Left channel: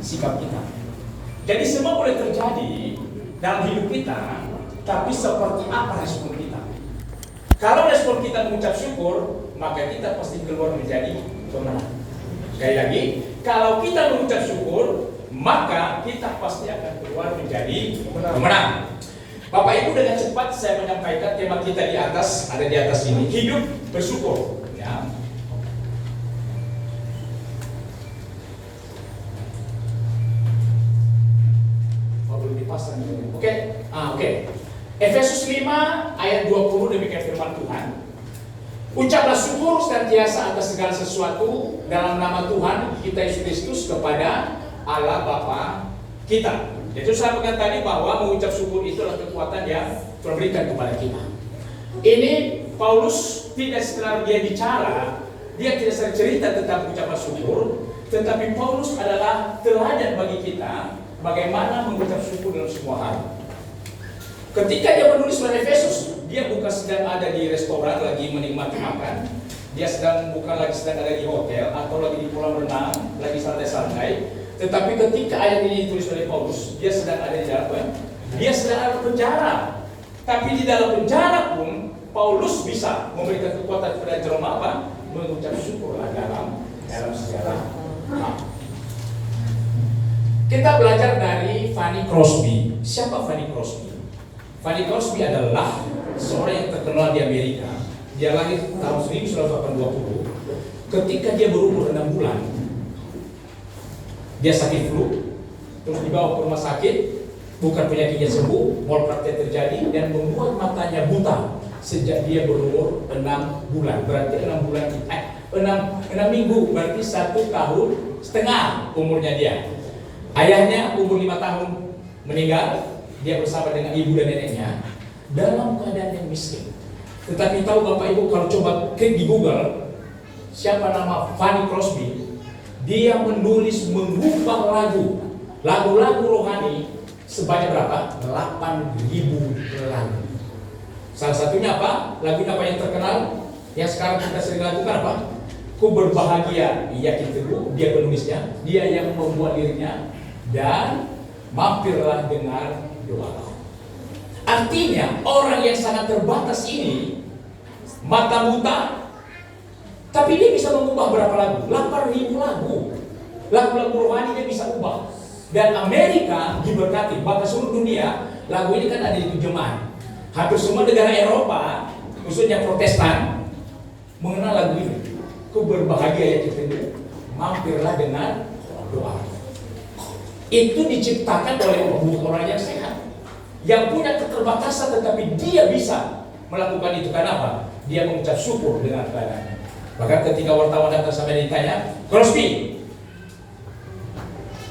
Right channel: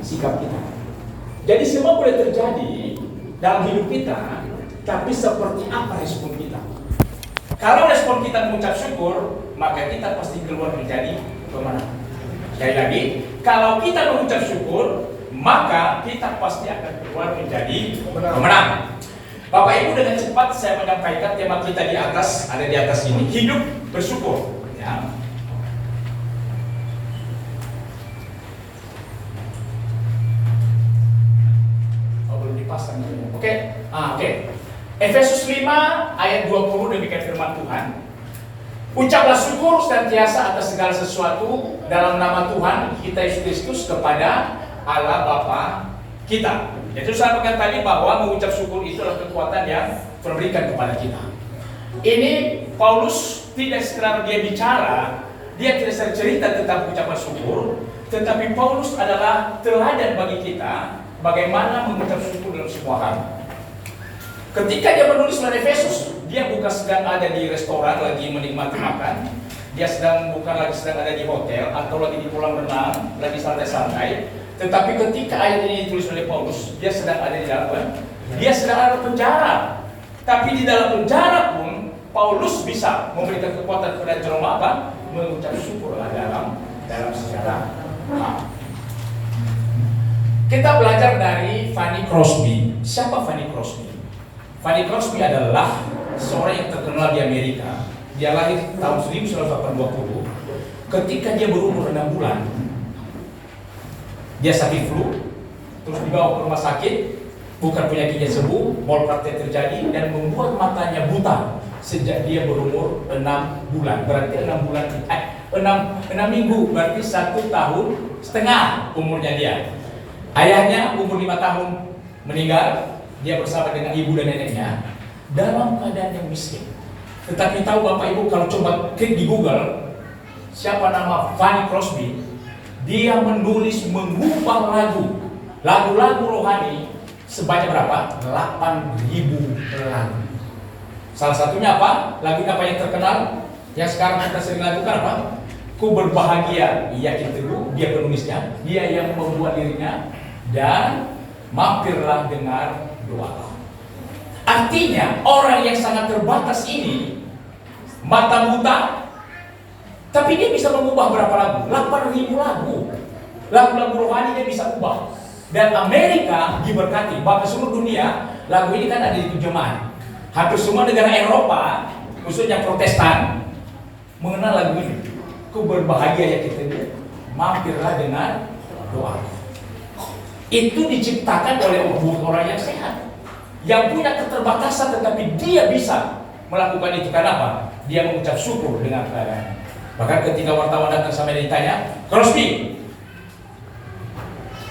sikap kita. Jadi semua boleh terjadi dalam hidup kita, tapi seperti apa respon kita? Kalau respon kita mengucap syukur, maka kita pasti keluar menjadi pemenang. Sekali lagi, kalau kita mengucap syukur, maka kita pasti akan keluar menjadi pemenang. Bapak Ibu, dengan cepat saya menyampaikan tema kita di atas, ada di atas ini, hidup bersyukur. Ya. Dipasang ini. Oke. Efesus 5 ayat 20 demikian firman Tuhan. Ucaplah syukur senantiasa atas segala sesuatu dalam nama Tuhan kita Yesus Kristus kepada Allah Bapa kita. Jadi saya katakan tadi bahwa mengucap syukur itu adalah kekuatan yang diberikan kepada kita. Ini Paulus tidak sekedar dia bicara, dia tidak sekedar cerita tentang ucapan syukur, tetapi Paulus adalah teladan bagi kita bagaimana mengucap syukur dalam semua hal. Ketika dia menulis surat Efesus, dia bukan sedang ada di restoran lagi menikmati makan, dia bukan lagi sedang ada di hotel atau lagi di kolam renang, lagi santai-santai. Tetapi ketika ayat ini ditulis oleh Paulus, dia sedang ada di dalam, dia sedang ada di penjara. Tapi di dalam penjara pun Paulus bisa memberikan kekuatan kepada jemaat apa? Mengucap syukur dalam sejarah. Kita belajar dari Fanny Crosby. Siapa Fanny Crosby? Fanny Crosby adalah seorang yang terkenal di Amerika. Dia lahir tahun 1920. Ketika dia berumur 6 bulan, dia sakit flu, terus dibawa ke rumah sakit, bukan penyakitnya sembuh, mal praktek terjadi dan membuat matanya buta sejak dia berumur 6 bulan. Berarti 6 minggu, berarti 1 tahun setengah umurnya dia. Ayahnya umur 5 tahun meninggal, dia bersama dengan ibu dan neneknya dalam keadaan yang miskin. Tetapi tahu Bapak Ibu, kalau coba klik di Google siapa nama Fanny Crosby, dia menulis mengubah lagu-lagu rohani sebanyak berapa? 8.000 lagu. Salah satunya apa? Lagu apa yang terkenal yang sekarang kita sering lakukan apa? Ku berbahagia, yakin teguh, dia penulisnya, dia yang membuat dirinya, dan mampirlah dengar doa. Artinya orang yang sangat terbatas ini mata buta, tapi dia bisa mengubah berapa lagu? 8.000 lagu. Lagu-lagu rohani dia bisa ubah. Dan Amerika diberkati, bahkan seluruh dunia lagu ini kan ada di terjemahan. Hampir semua negara Eropa, khususnya Protestan, mengenal lagu ini. Ku berbahagia ya kita ini, mampirlah dengan doa. Itu diciptakan oleh orang yang sehat, yang punya keterbatasan, tetapi dia bisa melakukan itu. Karena apa? Dia mengucap syukur dengan keadaan. Bahkan ketika wartawan datang sampai ditanya, Crosby,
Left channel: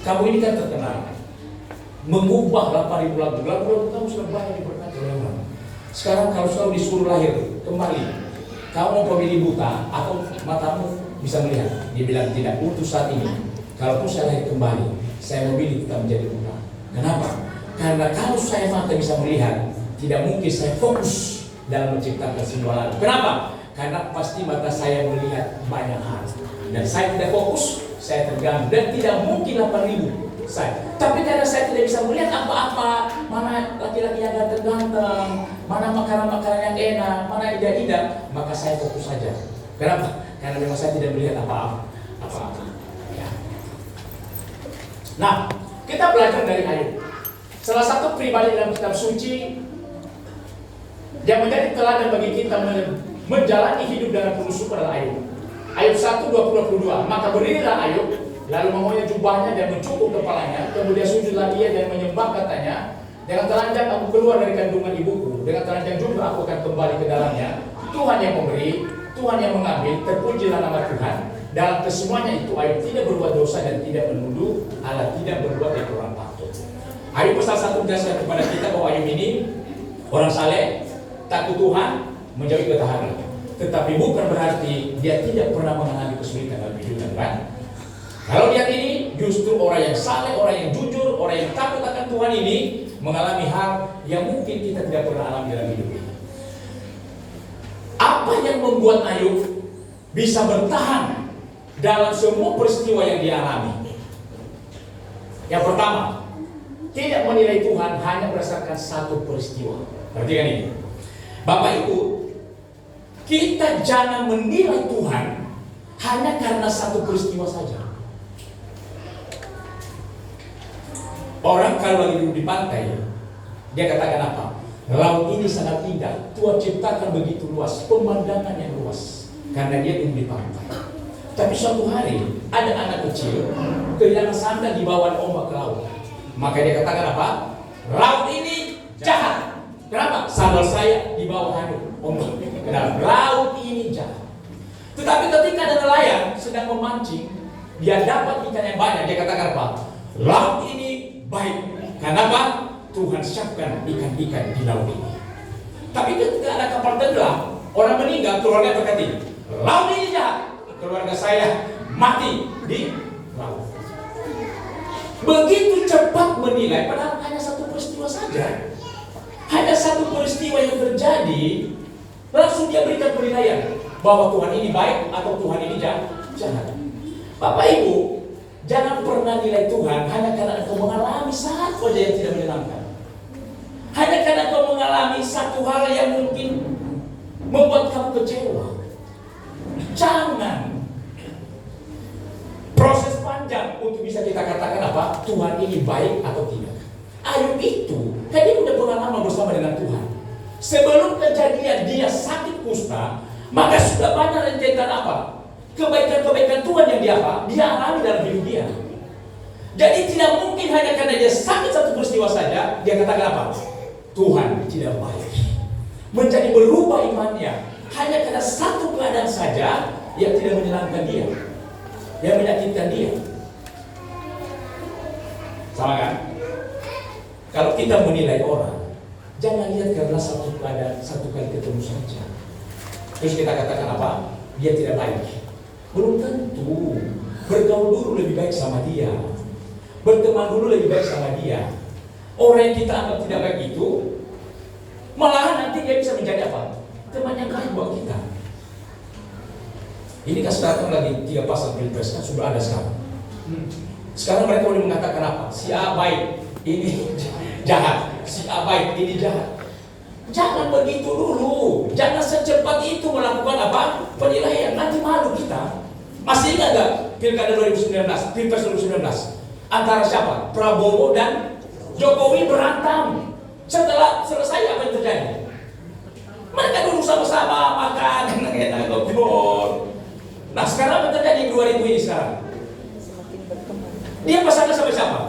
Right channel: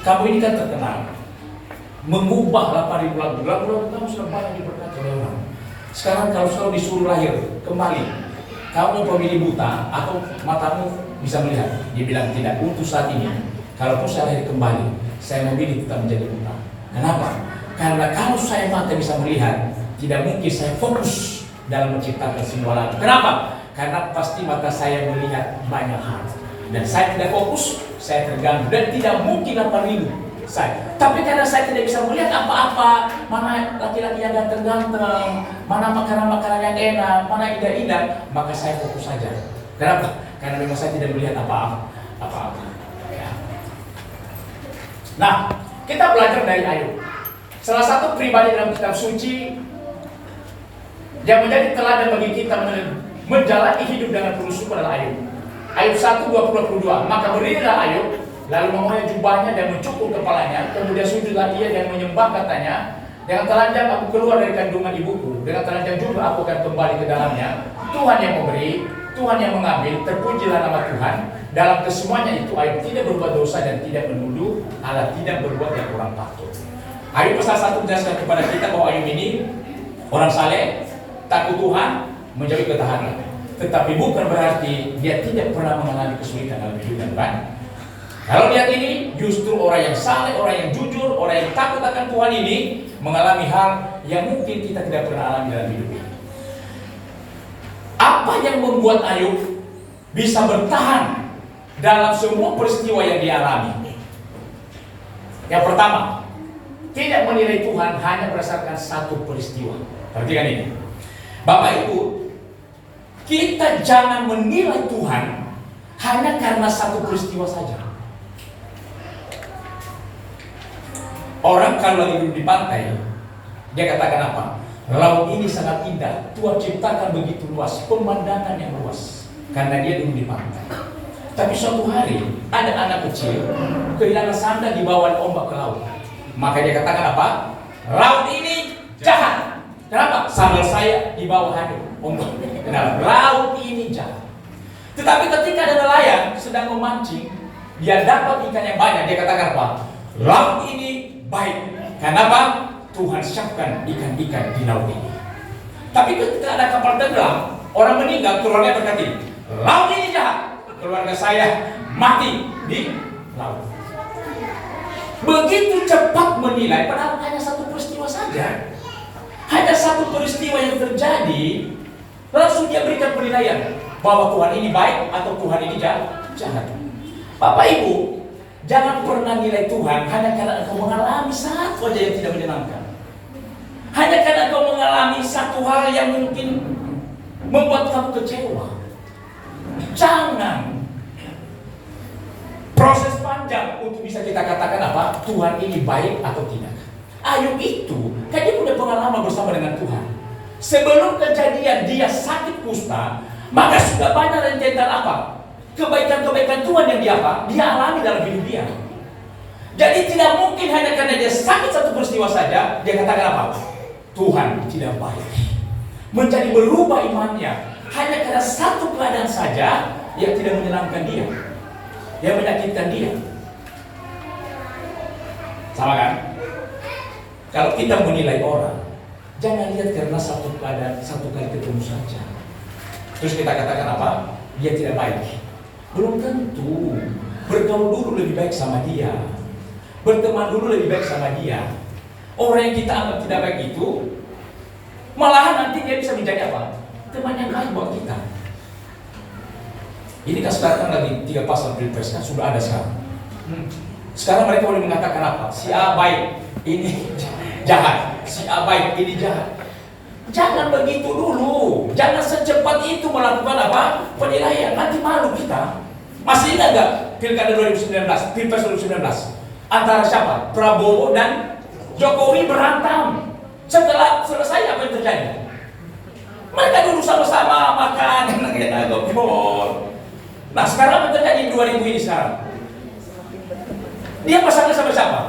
kamu ini kan terkenal mengubah 8.000 lagu. Lagu-lagu kamu sudah banyak diberkati oleh orang. Sekarang kalau selalu disuruh lahir kembali, kamu pemilih buta atau matamu bisa melihat? Dia bilang tidak. Untuk saat ini, kalaupun saya lahir kembali, saya memilih tetap menjadi buta. Kenapa? Karena kalau saya mata bisa melihat, tidak mungkin saya fokus dalam menciptakan sebuah lagu. Kenapa? Karena pasti mata saya melihat banyak hal, dan saya tidak fokus, saya terganggu, dan tidak mungkin apa rindu saya. Tapi karena saya tidak bisa melihat apa-apa, mana laki-laki yang ganteng-ganteng, mana makanan-makanan yang enak, mana indah-indah, maka saya fokus saja. Kenapa? Karena memang saya tidak melihat apa-apa. Ya. Nah, kita belajar dari Ayub. Salah satu pribadi dalam kitab suci yang menjadi teladan bagi kita menjalani hidup dengan penuh syukur adalah Ayub. Ayub 1:20-22. Maka berdirilah Ayub, lalu mengoyak jubahnya dan mencukur kepalanya, kemudian sujudlah ia dan menyembah, katanya, dengan telanjang aku keluar dari kandungan ibuku, dengan telanjang juga aku akan kembali ke dalamnya. Tuhan yang memberi, Tuhan yang mengambil, terpujilah nama Tuhan. Dalam kesemuanya itu Ayub tidak berbuat dosa dan tidak menuduh Allah, tidak berbuat yang kurang patut. Ayub pasal 1 menjelaskan kepada kita bahwa Ayub ini orang saleh, takut Tuhan, menjauhi ketahanan. Tetapi bukan berarti dia tidak pernah mengalami kesulitan dalam hidupnya, kan? Kalau lihat ini, justru orang yang saleh, orang yang jujur, orang yang takut akan Tuhan ini mengalami hal yang mungkin kita tidak pernah alami dalam hidup ini. Apa yang membuat Ayub bisa bertahan dalam semua peristiwa yang dialami? Yang pertama, tidak menilai Tuhan hanya berdasarkan satu peristiwa. Perhatikan ini, Bapak Ibu, kita jangan menilai Tuhan hanya karena satu peristiwa saja. Orang kalau lagi duduk di pantai, dia katakan apa? Laut ini sangat indah, Tuhan ciptakan begitu luas, pemandangan yang luas, karena dia duduk di pantai. Tapi suatu hari ada anak kecil kehilangan sandal di bawah ombak ke laut. Maka dia katakan apa? Laut ini jahat. Kenapa? Sandal saya di bawah ombak. Kenapa? Laut ini jahat. Tetapi ketika ada nelayan sedang memancing, dia dapat ikan yang banyak. Dia katakan apa? Laut ini baik. Kenapa? Tuhan siapkan ikan-ikan di laut ini. Tapi ketika ada kapal tenggelam, orang meninggal, keluarga berkata, laut ini jahat. Keluarga saya mati di laut. Begitu cepat menilai, padahal hanya satu peristiwa saja. Hanya satu peristiwa yang terjadi, langsung dia berikan penilaian bahwa Tuhan ini baik atau Tuhan ini jahat. Bapak Ibu, jangan pernah nilai Tuhan hanya karena engkau mengalami satu saja yang tidak menyenangkan. Hanya karena engkau mengalami satu hal yang mungkin membuat kamu kecewa. Jangan. Proses panjang untuk bisa kita katakan apa? Tuhan ini baik atau tidak. Ayub itu, kan dia punya pengalaman bersama dengan Tuhan. Sebelum kejadian dia sakit kusta, maka sudah banyak rentetan apa? Kebaikan-kebaikan Tuhan yang dia alami dalam hidup dia. Jadi tidak mungkin hanya karena dia sakit satu peristiwa saja, dia katakan apa? Tuhan tidak baik. Menjadi berubah imannya hanya karena satu keadaan saja yang tidak menyenangkan dia, yang menyakitkan dia. Sama kan? Kalau kita menilai orang, jangan lihat karena satu keadaan, satu kali ketemu saja terus kita katakan apa? Dia tidak baik. Belum tentu. Bergaul dulu lebih baik sama dia, berteman dulu lebih baik sama dia. Orang yang kita anggap tidak baik itu, malahan nanti dia bisa menjadi apa? Teman yang baik buat kita. Ini kan sekarang lagi 3 pasal Pilpres kan sudah ada sekarang. Sekarang mereka boleh mengatakan apa? Si A baik, ini jahat. Si A baik, ini jahat. Jangan begitu dulu. Jangan secepat itu melakukan apa? Penilaian. Nanti malu kita. Masih ingat gak Pilkada 2019, Pilpres 2019? Antara siapa? Prabowo dan Jokowi berantem. Setelah selesai apa yang terjadi? Mereka dulu sama-sama makan, enak-enak ngobrol. Nah sekarang apa terjadi 2000 ini sekarang? Dia pasangan sama siapa?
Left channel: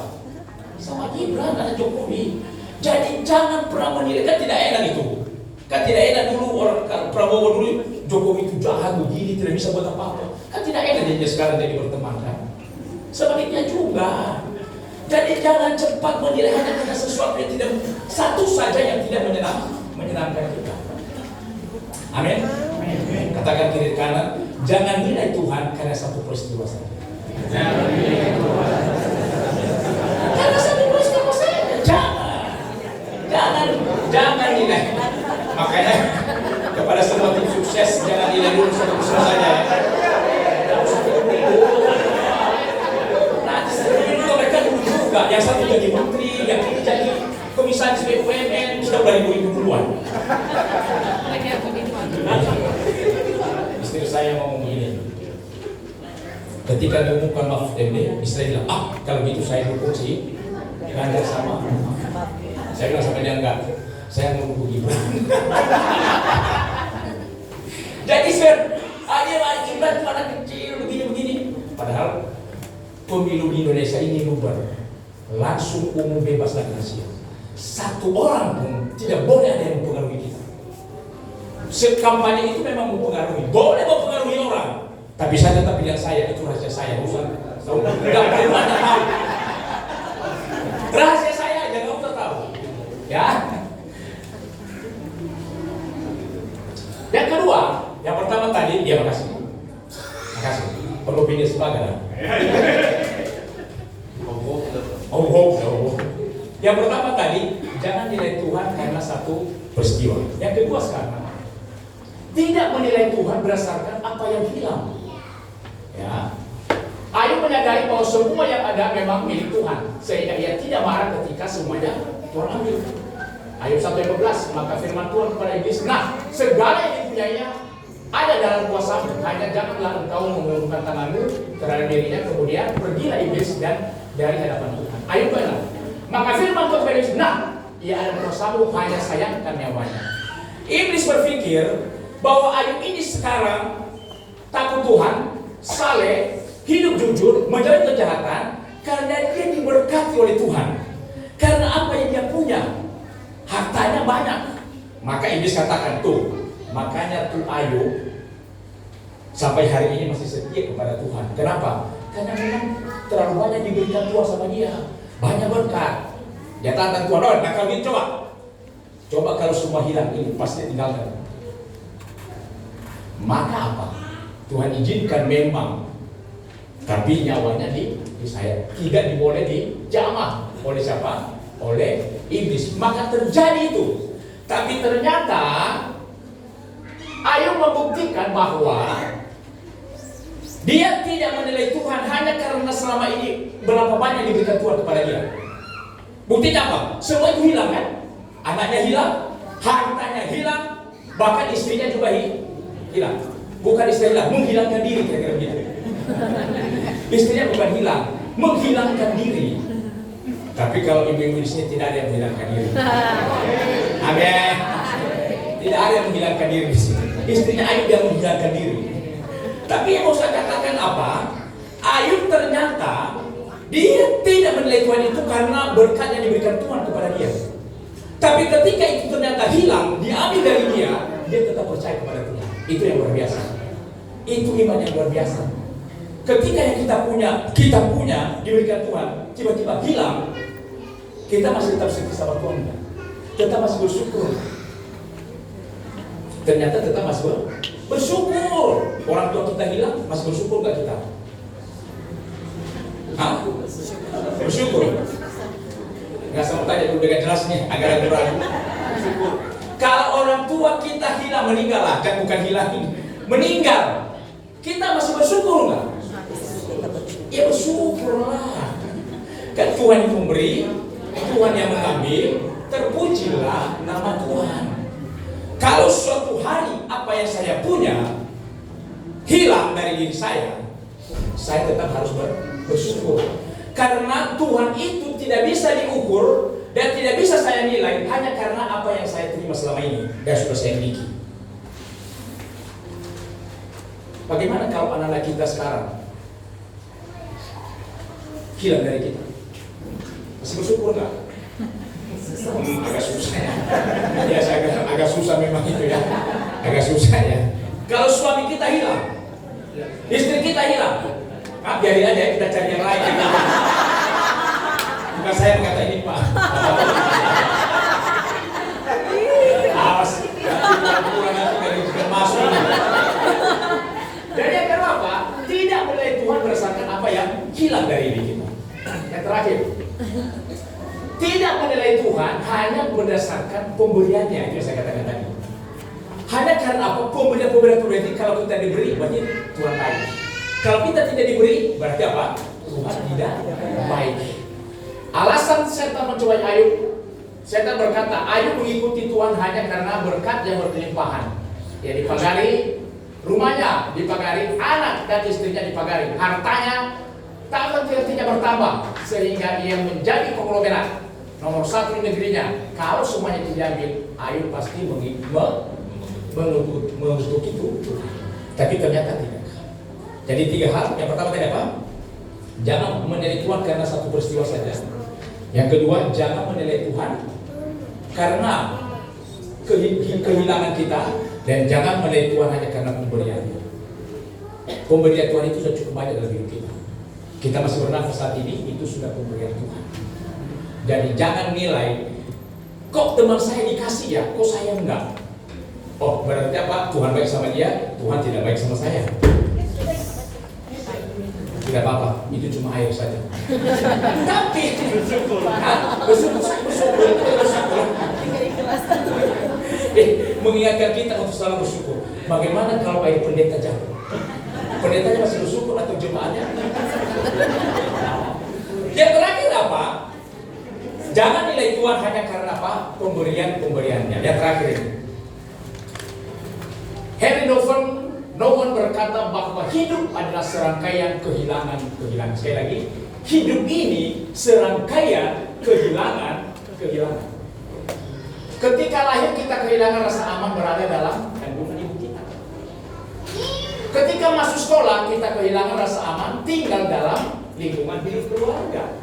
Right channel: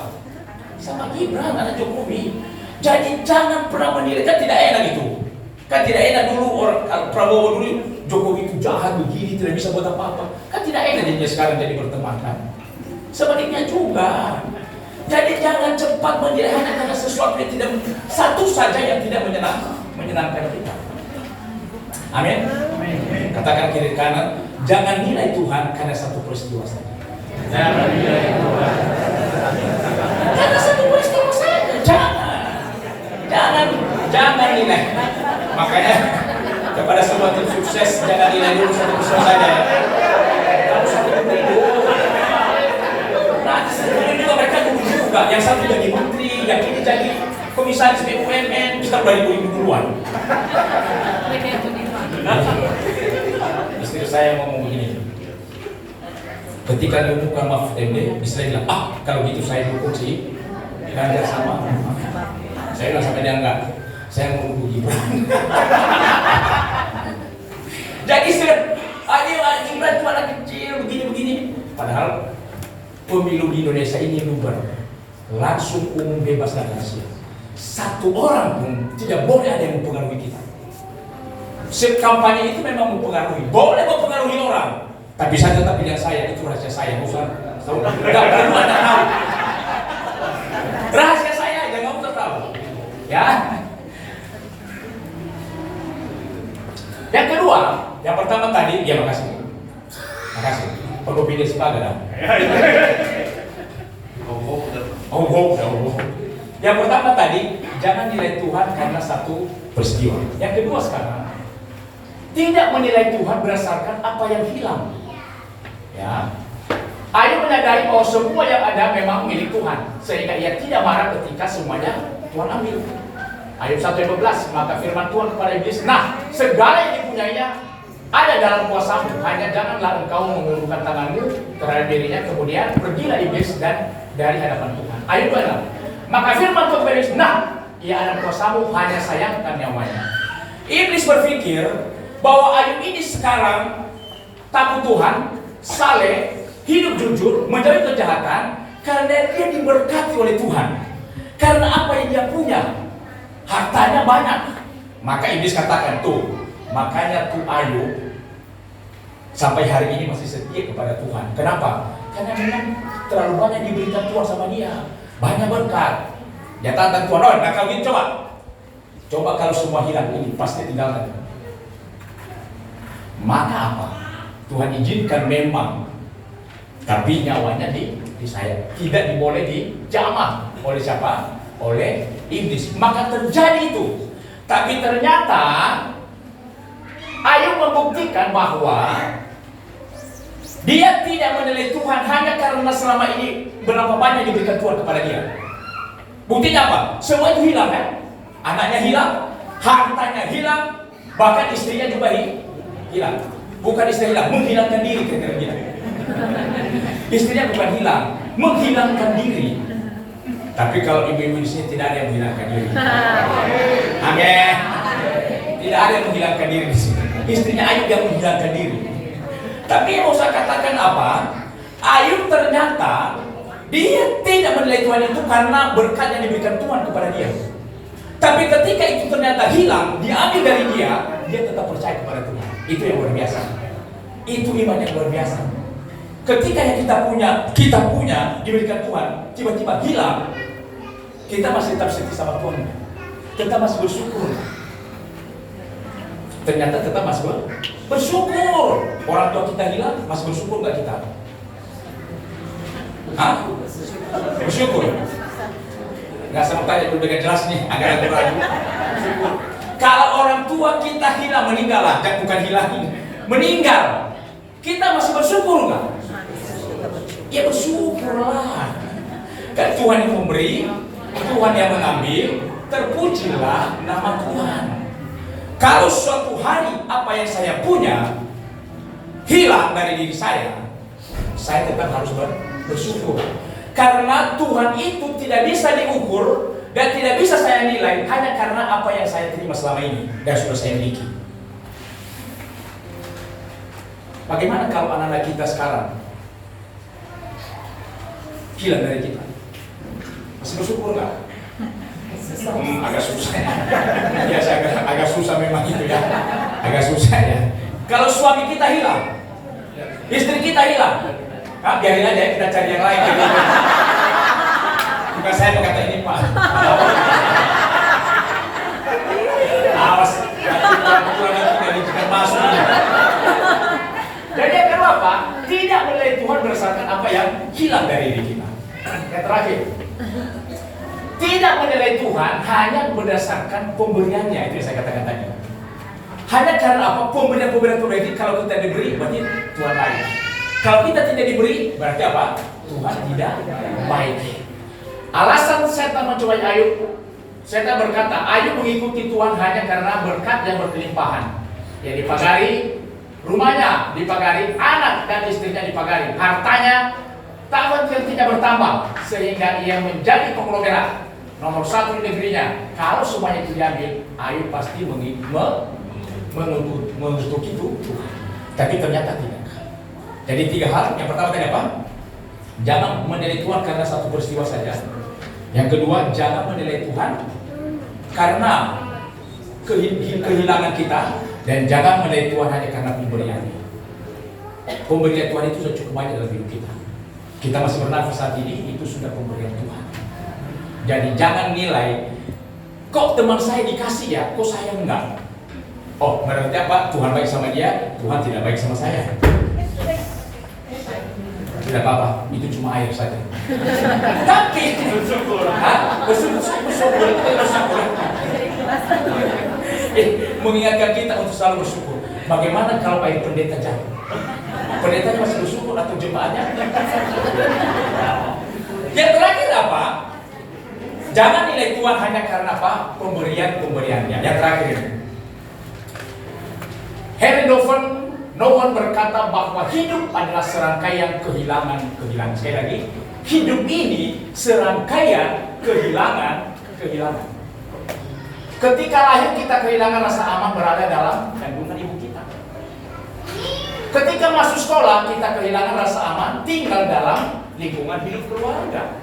Sama Gibran, anak Jokowi. Jadi jangan pernah menilai, kan tidak enak itu. Kan tidak enak dulu orang kalau Prabowo dulu, Jokowi itu jahat begini, tidak bisa buat apa-apa. Kan tidak enak jadinya sekarang jadi berteman kan. Sebaliknya juga. Jadi jangan cepat menilai hanya karena sesuatu yang tidak, satu saja yang tidak menyenangkan kita. Amin. Katakan kiri kanan, jangan nilai Tuhan karena satu peristiwa saja. Jangan nilai Tuhan karena satu peristiwa saja. Jangan nilai. Makanya kepada semua tim sukses, jangan nilai dulu satu peristiwa saja. Kalau satu peristiwa, nanti sebenarnya juga mereka dulu juga. Yang satu jadi menteri, yang ini jadi komisaris BUMN, sudah beribu-ribu duluan. Istri saya ngomong begini, ketika diumumkan Mahfud MD, istri bilang, kalau gitu saya dukung sih Ganjar sama. Saya bilang sampai dia enggak, saya mau dukung Gibran. Jadi Gibran cuma anak kecil begini-begini. Padahal pemilu di Indonesia ini luber, langsung umum bebas dan rahasia. Satu orang pun tidak boleh ada yang mempengaruhi kita. Kampanye itu memang mempengaruhi, boleh mempengaruhi orang, tapi saya tetap bilang saya itu rahasia saya, Ustaz. Tidak perlu Anda tahu. Rahasia saya aja, nggak usah tahu. Ya. Yang kedua, yang pertama tadi, ya makasih. Perlu pilih sebagai. Yang pertama tadi, jangan nilai Tuhan karena satu peristiwa. Yang kedua sekarang, tidak menilai Tuhan berdasarkan apa yang hilang. Ya. Ayub menyadari bahwa semua yang ada memang milik Tuhan, sehingga ia tidak marah ketika semuanya Tuhan ambil. Ayub 1:15, maka firman Tuhan kepada iblis, nah segala yang dipunyainya ada dalam kuasamu, hanya janganlah engkau mengulurkan tanganmu terhadap dirinya. Kemudian pergilah iblis dan dari hadapan Tuhan. Ayub 2:6, maka firman Tuhan kepada iblis, nah ia ada kuasamu, hanya sayangkan nyawanya. Iblis berpikir bahwa Ayub ini sekarang takut Tuhan, saleh, hidup jujur, menjauhi kejahatan karena dia diberkati oleh Tuhan. Karena apa yang dia punya, hartanya banyak. Maka iblis katakan, tuh, makanya tuh Ayub sampai hari ini masih setia kepada Tuhan. Kenapa? Karena memang terlalu banyak diberikan Tuhan sama dia, banyak berkat. Dia katakan Tuhan, oh, nah kalau gitu coba kalau semua hilang ini pasti tinggalkan. Maka apa? Tuhan izinkan memang, tapi nyawanya di saya tidak diboleh dijamah oleh siapa? Oleh iblis. Maka terjadi itu. Tapi ternyata Ayub membuktikan bahwa dia tidak menilai Tuhan hanya karena selama ini berapa banyak diberikan Tuhan kepada dia. Buktinya apa? Semua itu hilang kan? Anaknya hilang, hartanya hilang, bahkan istrinya juga hilang. Bukan istri hilang, menghilangkan diri kira-kira bilang. Istrinya bukan hilang, menghilangkan diri. Tapi kalau ibu-ibu di sini tidak ada yang menghilangkan diri. Amin. Tidak ada yang menghilangkan diri di sini. Istrinya Ayub yang menghilangkan diri. Tapi yang mau saya katakan apa? Ayub ternyata dia tidak menilai Tuhan itu karena berkat yang diberikan Tuhan kepada dia. Tapi ketika itu ternyata hilang, diambil dari dia tetap percaya kepada Tuhan. Itu yang luar biasa. Itu iman yang luar biasa. Ketika yang kita punya diberikan Tuhan, tiba-tiba hilang, kita masih tetap setia sama Tuhan. Kita masih bersyukur. Ternyata tetap masih bersyukur. Orang tua kita hilang, masih bersyukur nggak kita? Hah? Bersyukur. Nggak sama tanya dulu dengan jelas nih, agak ragu-ragu. Kalau orang tua kita hilang, meninggal lah, kan bukan hilang, meninggal. Kita masih bersyukur nggak? Ya bersyukurlah. Kan Tuhan yang memberi, Tuhan yang mengambil, terpujilah nama Tuhan. Kalau suatu hari apa yang saya punya hilang dari diri saya tetap harus bersyukur. Karena Tuhan itu tidak bisa diukur dan tidak bisa saya nilai hanya karena apa yang saya terima selama ini dan sudah saya miliki. Bagaimana kalau anak-anak kita sekarang hilang dari kita? Masih bersyukur nggak? Agak susah ya. Biasa agak susah memang itu ya. Agak susah ya. Kalau suami kita hilang, istri kita hilang, biarin aja kita cari yang lain. Bukan saya berkata ini Pak. Awas, Tuhan masuk. Jadi yang kedua apa? Tidak menilai Tuhan berdasarkan apa yang hilang dari diri kita. Yang terakhir, tidak menilai Tuhan hanya berdasarkan pemberiannya. Itu yang saya katakan tadi. Hanya karena apa? Pemberian itu kalau kita diberi berarti Tuhan baik. Kalau kita tidak diberi berarti apa? Tuhan tidak baik. Alasan setan mencoba Ayub, setan berkata Ayub mengikuti Tuhan hanya karena berkat yang berkelimpahan. Ya dipagari rumahnya, dipagari anak dan istrinya, dipagari hartanya tak tidak bertambah sehingga ia menjadi konglomerat nomor satu di negerinya. Kalau semuanya itu diambil, Ayub pasti mengutuk itu Tuhan. Tapi ternyata tidak. Jadi 3 hal. Yang pertama tadi apa? Jangan menilai Tuhan karena satu peristiwa saja. Yang kedua, jangan menilai Tuhan karena kehilangan kita. Dan jangan menilai Tuhan hanya karena pemberiannya. Pemberian Tuhan itu sudah cukup banyak dalam hidup kita. Kita masih bernafas saat ini, itu sudah pemberian Tuhan. Jadi jangan nilai, kok teman saya dikasih ya, kok saya enggak. Oh, berarti apa? Tuhan baik sama dia, Tuhan tidak baik sama saya. Tidak apa-apa, itu cuma air saja. Tapi bersyukur. Mengingatkan kita untuk selalu bersyukur. Bagaimana kalau air pendeta jauh? Pendetanya masih bersyukur atau jemaahnya? Yang terakhir apa? Jangan nilai Tuhan hanya karena apa? Pemberiannya. Yang terakhir ini. Henry Nouwen berkata bahwa hidup adalah serangkaian kehilangan. Sekali lagi, hidup ini serangkaian kehilangan. Ketika lahir kita kehilangan rasa aman berada dalam kandungan ibu kita. Ketika masuk sekolah kita kehilangan rasa aman tinggal dalam lingkungan hidup keluarga.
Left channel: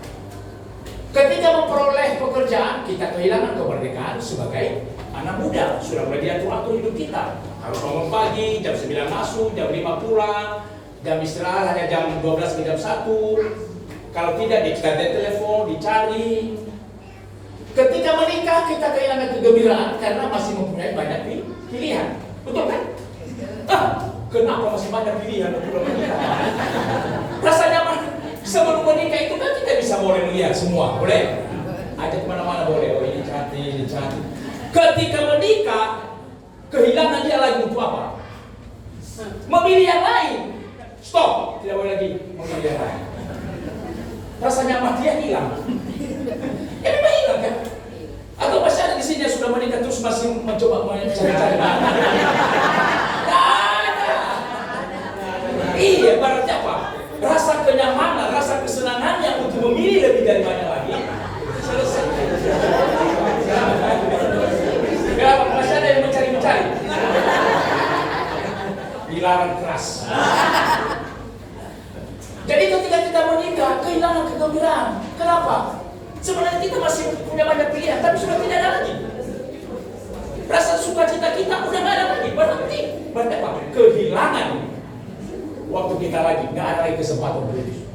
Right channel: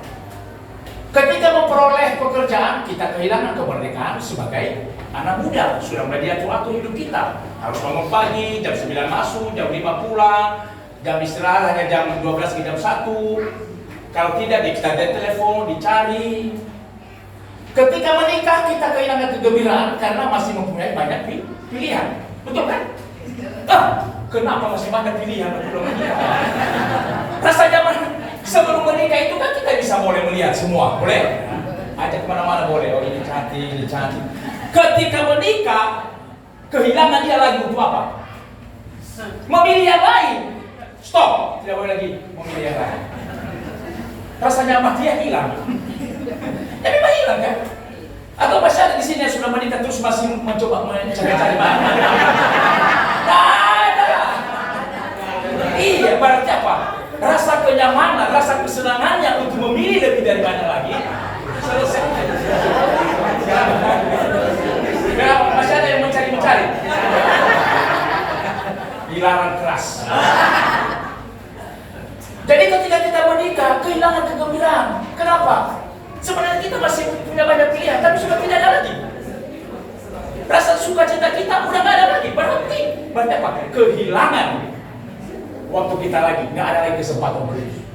Ketika memperoleh pekerjaan kita kehilangan kemerdekaan sebagai anak muda. Sudah mulai diatur-atur hidup kita. Harus bangun pagi, jam 9 masuk, jam 5 pulang, jam istirahat hanya jam 12 ke jam 1. Kalau tidak kita telepon, dicari. Ketika menikah kita kehilangan kegembiraan karena masih mempunyai banyak pilihan. Betul kan? Kenapa masih banyak pilihan untuk menikah? Rasa nyaman sebelum menikah itu kan kita bisa boleh melihat semua, boleh? Ajak kemana-mana boleh. Oh ini cantik. Ketika menikah kehilangan dia lagi untuk apa? Memilih yang lain. Stop, tidak boleh lagi memilih yang lain. Rasa nyaman dia hilang. Ya memang hilang kan? Atau masih ada di sini yang sudah menikah terus masih mencoba mencari-cari mana? Ada. Iya, berarti apa? Rasa kenyamanan, rasa kesenangannya untuk memilih lebih dari mana lagi selesai. Kenapa? Masih ada yang mencari-mencari. Dilarang keras. Jadi ketika kita menikah kehilangan kegembiraan. Kenapa? Sebenarnya kita masih punya banyak pilihan, tapi sudah tidak ada lagi. Rasa sukacita kita udah nggak ada lagi, berhenti. Berarti apa? Kehilangan waktu kita lagi, nggak ada lagi kesempatan berhidup.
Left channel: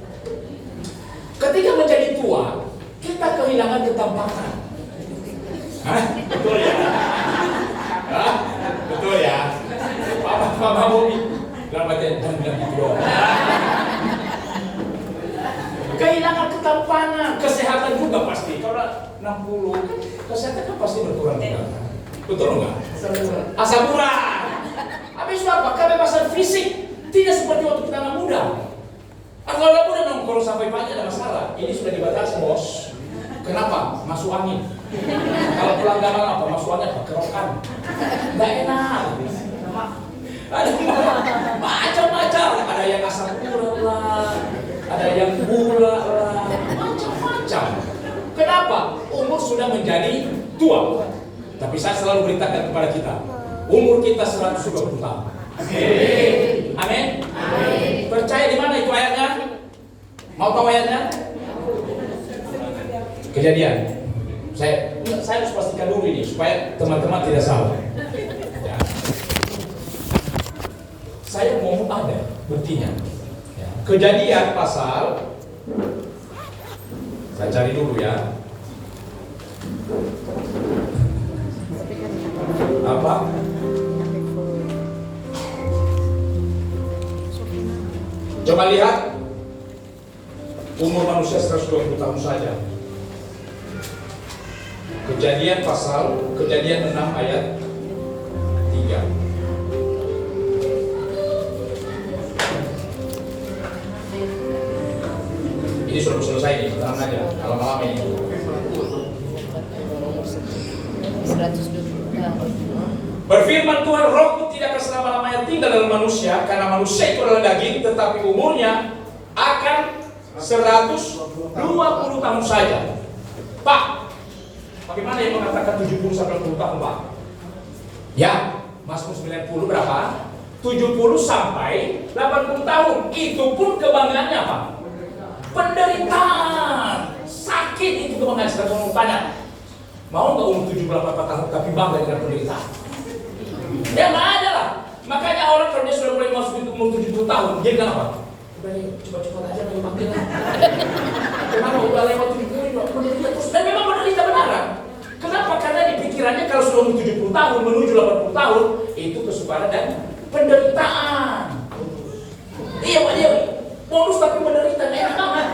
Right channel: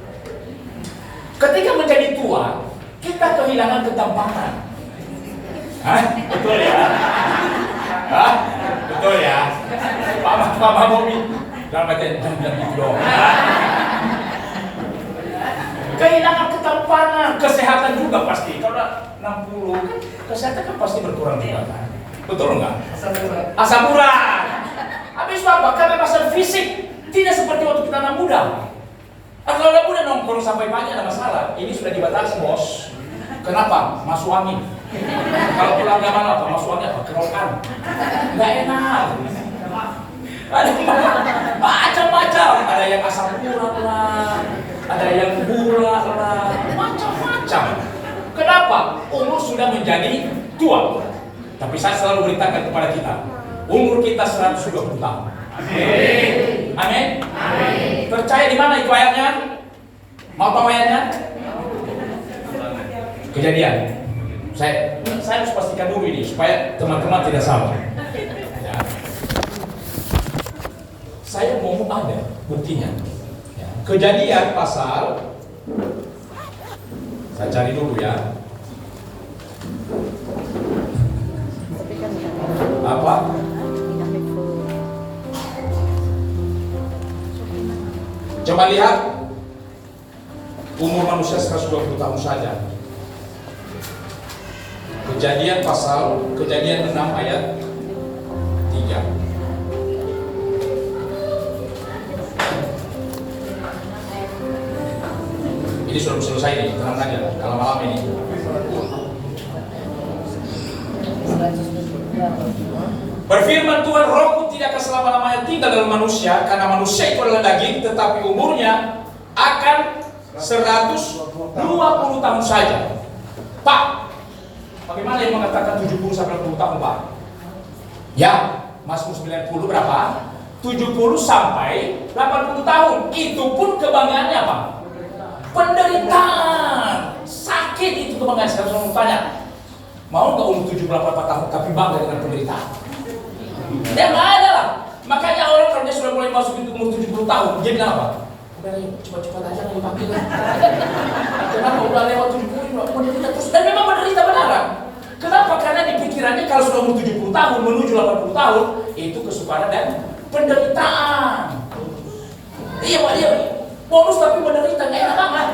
Ketika menjadi tua, kita kehilangan ketampanan. Betul ya? Betul ya? Mama Bobby, dalam bagian jangan gitu dong. Kehilangan ketampanan, kesehatan juga pasti. Kalau 60, kesehatan kan pasti berkurang juga kan? Betul enggak? Asam urat. Habis apa? Kebebasan fisik tidak seperti waktu kita anak muda. Kalau anak muda nongkrong sampai pagi ada masalah. Ini sudah dibatasi bos. Kenapa? Masuk angin. Kalau pulang gak malam apa? Masuk angin apa? Kerokan. Nggak enak. Ada macam-macam. Ada yang asam urat lah. Ada yang gula lah, macam-macam. Kenapa? Umur sudah menjadi tua. Tapi saya selalu beritakan kepada kita, umur kita 120 tahun. Amin. Amin. Percaya di mana itu ayatnya? Mau tahu ayatnya? Kejadian. Saya harus pastikan dulu ini supaya teman-teman tidak salah. Ya. Saya mau ada buktinya. Kejadian pasal, saya cari dulu ya. Apa? Coba lihat umur manusia 120 tahun saja. Kejadian 6 ayat 3. Ini sudah selesai nih, tenang aja, kalau malam ini. Berfirman Tuhan, rohku tidak akan selama-lamanya tinggal dengan manusia, karena manusia itu adalah daging, tetapi umurnya akan 120 tahun saja. Pak, bagaimana yang mengatakan 70 sampai 80 tahun, Pak? Ya, Mazmur 90 berapa? 70 sampai 80 tahun. Itu pun kebanggaannya apa? Penderitaan, sakit itu kebanggaan. Sekarang saya mau tanya, mau nggak umur 78 tahun tapi bangga dengan penderitaan? Ya nggak ada lah. Makanya orang kalau dia sudah mulai masuk itu umur 70 tahun, dia bilang apa? Udah deh, cepat-cepat aja nggak dipanggil. Kenapa udah lewat 70 menderita terus? Dan memang menderita benaran. Kenapa? Karena di pikirannya kalau sudah umur 70 tahun menuju 80 tahun itu kesukaran dan penderitaan. Iya Pak, iya. Bonus tapi menderita, enak banget.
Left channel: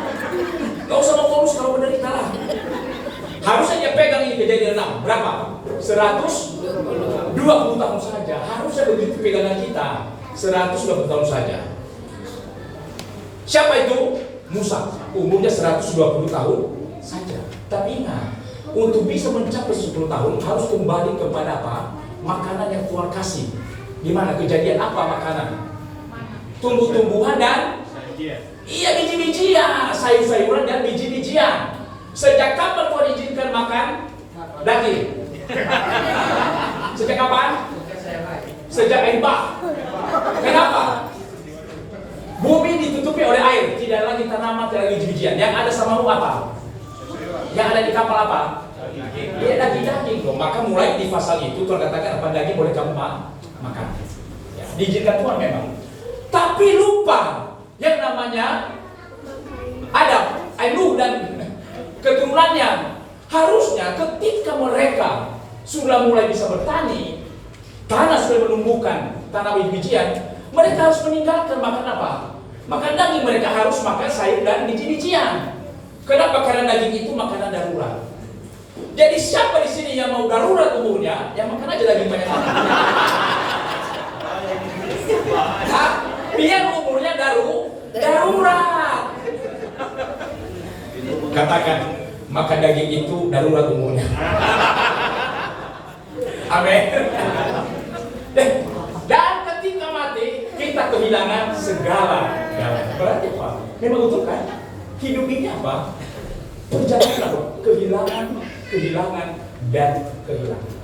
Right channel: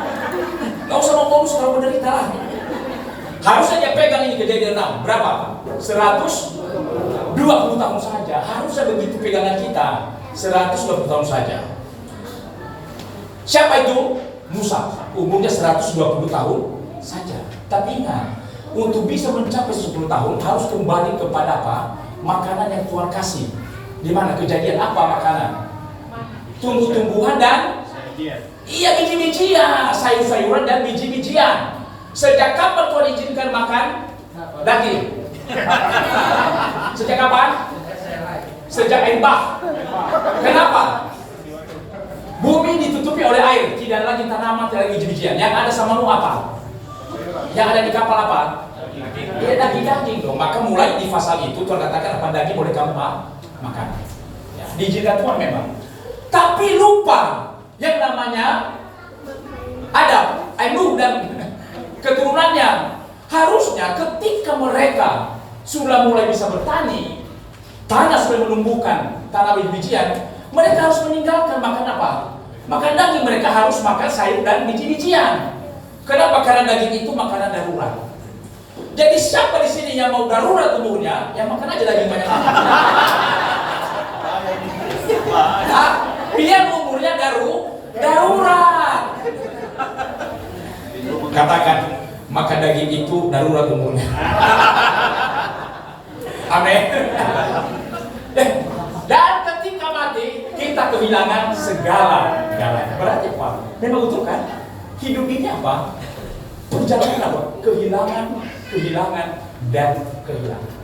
Gak usah mau bonus kalau menderita lah. Harusnya dia pegang ini kejadian 6. Berapa? 120 tahun saja. Harusnya begitu pegangan kita. 120 tahun saja. Siapa itu? Musa. Umurnya 120 tahun saja. Tapi ingat, untuk bisa mencapai 10 tahun harus kembali kepada apa? Makanan yang Tuhan kasih. Di mana? Kejadian apa makanan? Tumbuh-tumbuhan dan iya, biji-bijian, sayur-sayuran dan biji-bijian. Sejak kapan Tuhan izinkan makan daging? Sejak kapan? Sejak air bah. Kenapa? Bumi ditutupi oleh air, tidak lagi tanaman, tidak lagi biji-bijian. Yang ada sama lu apa? Yang ada di kapal apa? Ya, daging-daging dong. Maka mulai di pasal itu Tuhan katakan apa daging boleh kamu makan. Ya, diizinkan Tuhan memang. Tapi lupa yang namanya Adam, Nuh dan keturunannya. Harusnya ketika mereka sudah mulai bisa bertani, tanah sudah menumbuhkan tanah biji-bijian, mereka harus meninggalkan makan apa? Makan daging. Mereka harus makan sayur dan biji-bijian. Kenapa? Karena daging itu makanan darurat. Jadi siapa di sini yang mau darurat umurnya, yang makan aja daging banyak. Nah, biar umurnya darurat. Katakan, makan daging itu darurat umurnya. Amin. Dan ketika mati, kita kehilangan segala-galanya. Berarti apa? Memang utuh kan? Hidup ini apa? Perjalanan apa? Kehilangan, dan kehilangan.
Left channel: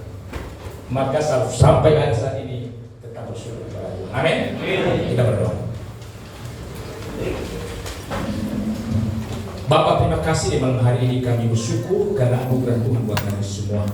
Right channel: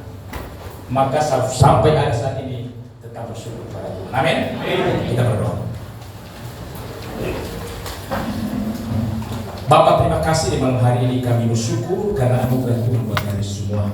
Maka sampai ada saat ini tetap bersyukur kepada Tuhan. Amin. Kita berdoa. Bapak, terima kasih di malam hari ini kami bersyukur karena anugerah Tuhan buat kami semua.